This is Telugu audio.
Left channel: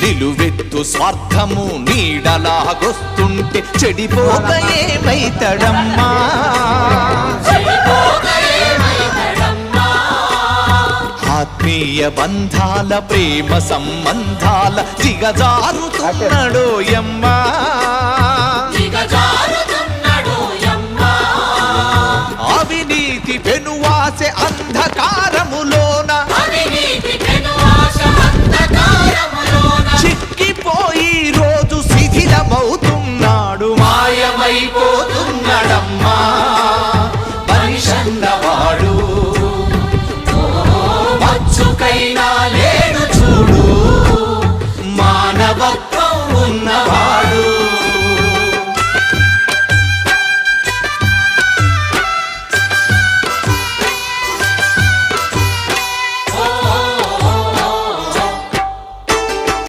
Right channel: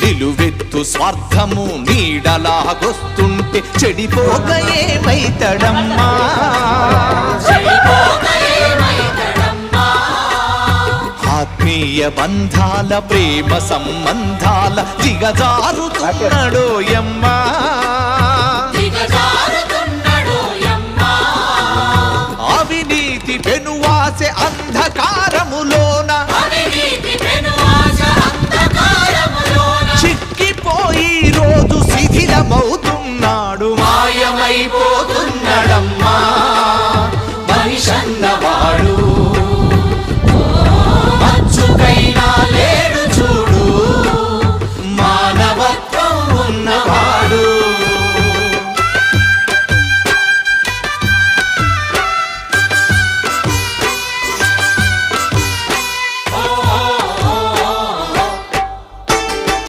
నిలువెత్తు స్వార్థము నీడలాగొస్తుంటే చెడిపోక ఏమైతడమ్మా? ఆత్మీయ బంధాల ప్రేమ సంబంధాల దిగజారుతున్నాడోయమ్మా. అవినీతి పెనువాసె అంధకారములోన చిక్కిపోయి రోజు శిథిలమవుతున్నాడు, మాయమైపోతున్నాడమ్మా మనిషన్నవాడు. మచ్చుకైనా లేడు చూడు మానవత్వం ఉన్నవాడు.